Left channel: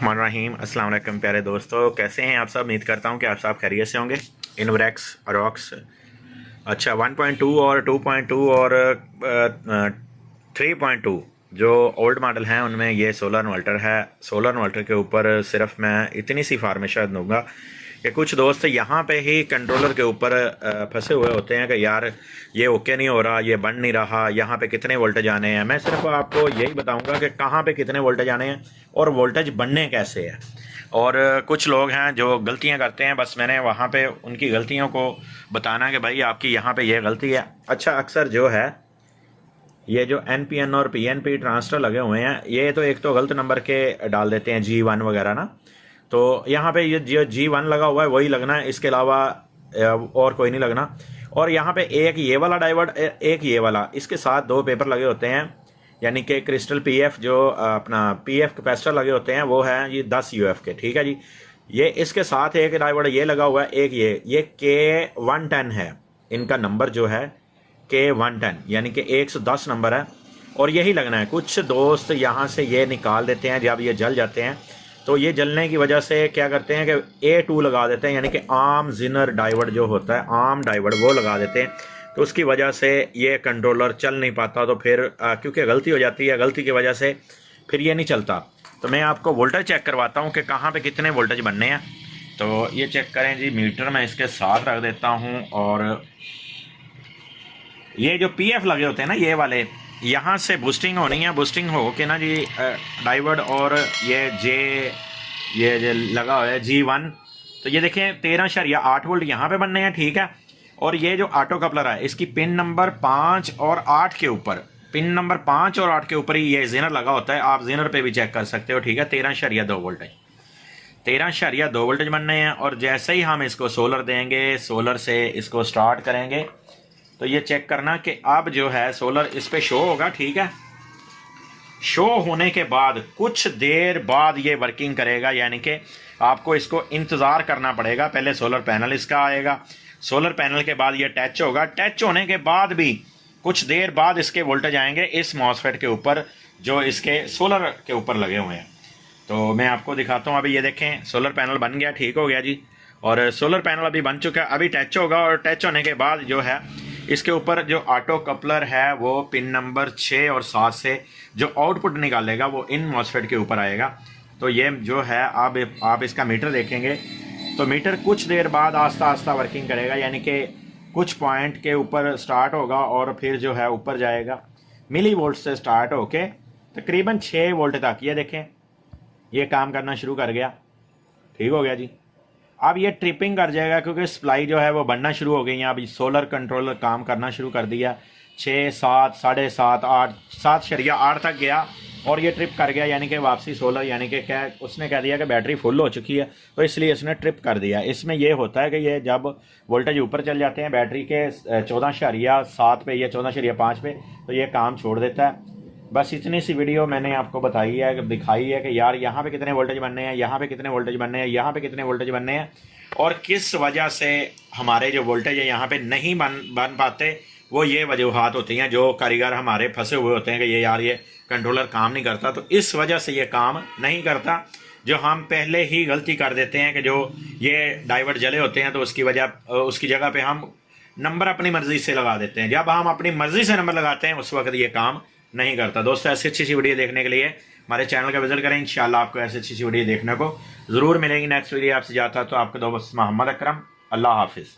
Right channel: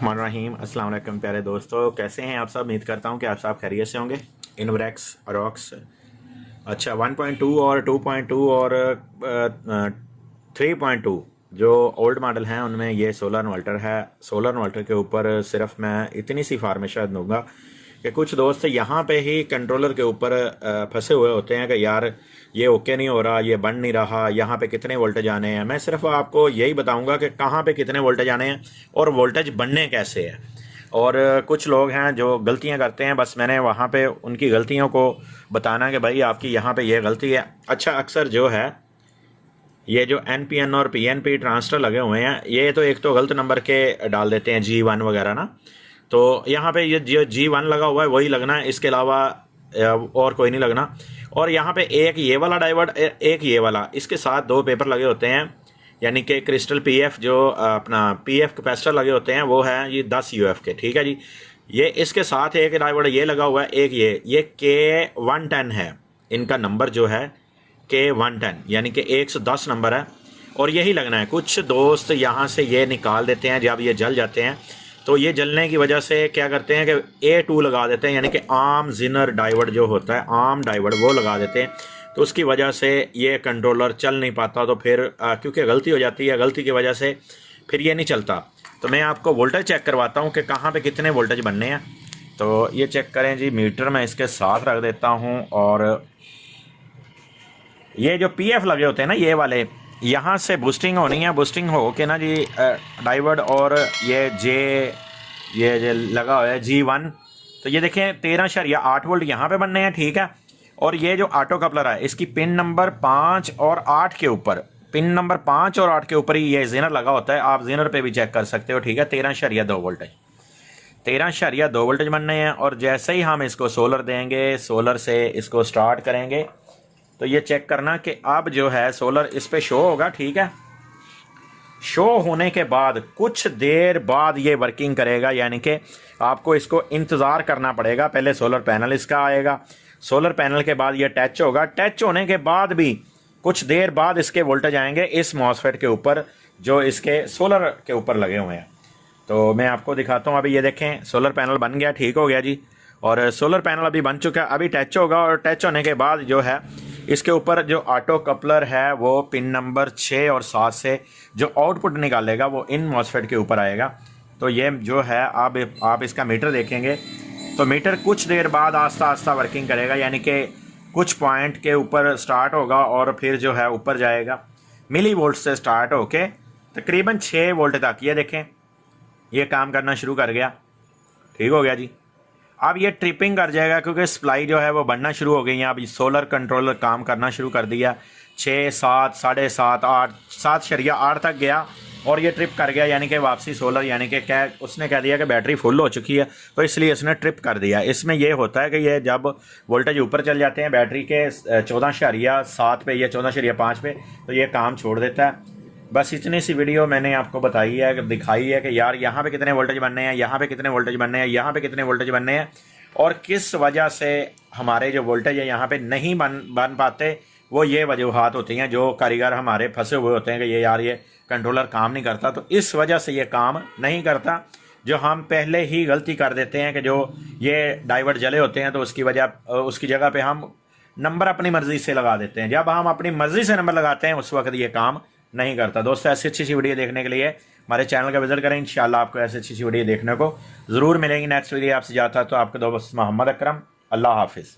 रहीम अस्सलाम वालेकुम प्यारे दोस्तों, कैसे हैं आप सब। उम्मीद करता हूं कि आप सब खैरियत से होंगे। इनवरेक्स रॉक्स अच्छा 1.2 और 2.2 और 3.2 जो ओल्ड मॉडल हैं उनमें ये सोलर इन्वर्टर है। सोलर इन्वर्टर के ऊपर सिर्फ मैं इतनी सी फार्मेशन दूंगा कि कुछ दोस्त यहाँ पे ही कंट्रोलर के ऊपर फंसे हुए होते हैं कि यार ये ओके नहीं हो रहा, ये बन नहीं रहा, यहाँ पे कितने वोल्टेज आने हैं। मैं सिर्फ आपको यही बताऊंगा कि कहाँ पे कितने वोल्टेज आने हैं और वोल्टेज बनने कैसे है। और कुछ लोग हैं जो गलतियाँ करते हैं, बस मैंने वहाँ पे उनकी गलतियों को बताना कि भाई आपकी यहाँ पे ये गलती है। अच्छा, अक्सर जो है ये जो NPN और PNP ट्रांजिस्टर लगे हुए हैं, ये तो एक तो गलत नंबर के डाल देते हैं, G1 वगैरह ना। तो यहाँ पे ये जो G1 लगा हुआ है वही लगना है, इसके अलावा और कोई नहीं लगना। और यहाँ पे एक ये वाला डायोड, एक ये वाला, इसके साथ दो पेपर लगे होते हैं, यानी कि क्रिस्टल PF जो अपना PF कैपेसिटर लगे होते हैं वो है ये 10 UF के, ठीक है जी। ये इसके साथ एक डायोड ये लगा हुआ है, एक ये K110 है, इनका नंबर जो है K110 यानी कि 110 नंबर है और यही लगना है। कुछ दोस्त यहाँ से ये निकाल देते हैं, जब ये जल जाते हैं तो ये जलने की वजह से क्या करते हैं कि A2 लगा देते हैं, यानी कि आर्म जिनर डायोड जो होता है, आर्म डायोड वो लगा देते हैं। तो उसकी वजह से ये कंट्रोलर चल नहीं पाता। तो फिर क्योंकि गलती हो जाती है, गलती की वजह से फिर ये नहीं चलता। तो मैं आपको वोल्टेज चेक करवाता हूँ कि कहाँ पे कितने वोल्टेज बनने हैं। तो ये चेक करें जी, मीटर मैं इसके साथ रख देता हूँ और ये जो PF लगे होते हैं ना ये वाले, यहाँ से बूस्टिंग होनी है। बूस्टिंग हो के ना जी डायोड और ये लगा हुआ है G1। तो ये देखें 13.8 वोल्ट यहाँ पे बनने हैं, ठीक है। और ये जो ऑटो कपलर है इसकी पिन नंबर 5 और 8 के ऊपर, पिन नंबर 5 और 8 के ऊपर ही ये जेनर लगा होता है। आप जेनर पे भी चेक कर सकते हो, ठीक है। 13.2 वोल्ट है, 13.2 वोल्टेज बनने हैं। और जैसे ही हम इसको सोलर देंगे, सोलर से इसको स्टार्ट करेंगे तो ये चेक करना कि अब जो है सोलर इस पे शो होगा, ठीक है। शो होने के बाद कुछ देर बाद ये वर्किंग करेगा, यानी कि आपको इसको इंतज़ार करना पड़ेगा। पहले सोलर पैनल इसका आएगा, सोलर पैनल के बाद ये टच होगा, टच होने के बाद भी कुछ देर बाद इसके वोल्टेज आएंगे इस मॉसफेट के ऊपर जो इसके सोलर के ऊपर लगे हुए हैं। तो मैं आपको दिखाता हूँ। अभी ये देखें सोलर पैनल बन गया, ठीक हो गया जी। और सोलर पैनल अभी बन चुका है, अभी टच होगा और टच होने के बाद जो है इसके ऊपर जो ऑटो कपलर है वो पिन नंबर 6 और 7 से जो आउटपुट निकालेगा वो इन मॉसफेट के ऊपर आएगा। तो ये जो है आप इसका मीटर देखेंगे तो मीटर कुछ देर बाद आस्ता आस्ता वर्किंग करेगा, यानी कि कुछ पॉइंट के ऊपर स्टार्ट होगा और फिर जो है ऊपर जाएगा। मिली वोल्ट से स्टार्ट होके तकरीबन 6 वोल्ट तक ये देखें ये काम करना शुरू कर गया, ठीक हो गया जी। अब ये ट्रिपिंग कर जाएगा क्योंकि सप्लाई जो है वो बढ़ना शुरू हो गई है। अब सोलर कंट्रोलर काम करना शुरू कर दिया, 6, 7, 7.5, 8, 7.8 तक गया और ये ट्रिप कर गया, यानी कि वापसी सोलर, यानी कि क्या उसने कह दिया कि बैटरी फुल हो चुकी है तो इसलिए इसने ट्रिप कर दिया। इसमें ये होता है कि ये जब वोल्टेज ऊपर चल जाते हैं बैटरी के 14.7 पे या 14.5 पे तो ये काम छोड़ देता है। बस इतनी सी वीडियो मैंने आपको बताई है, दिखाई है कि यार यहाँ पे कितने वोल्टेज बनने हैं, यहाँ पे कितने वोल्टेज बनने हैं, यहाँ पे कितने वोल्टेज बनने हैं और किस वजह से हमारे जो वोल्टेज है यहाँ पे नहीं बन पाते। वो ये वजूहात होती हैं जो कारीगर हमारे फंसे हुए होते हैं कि ये यार ये कंट्रोलर काम नहीं करता, तो इस वजह से ये काम नहीं करता। जो हम पहले ही गलती कर देते हैं कि जो ये डाइवर्ट जले होते हैं तो उसकी जगह पे हम नंबर अपनी मर्जी से लगा देते हैं। जब हम अपनी मर्जी से नंबर लगाते हैं उस वक्त ये काम नहीं करता। दोस्तों ऐसी अच्छी सी वीडियो देखने के लिए हमारे चैनल का विजिट करें, इंशाल्लाह आपको ऐसी अच्छी सी वीडियो देखने को ज़रूर मिलेगी। नेक्स्ट वीडियो आपसे जाता है तो आपका दोस्त मोहम्मद अकरम। अल्लाह हाफिज़।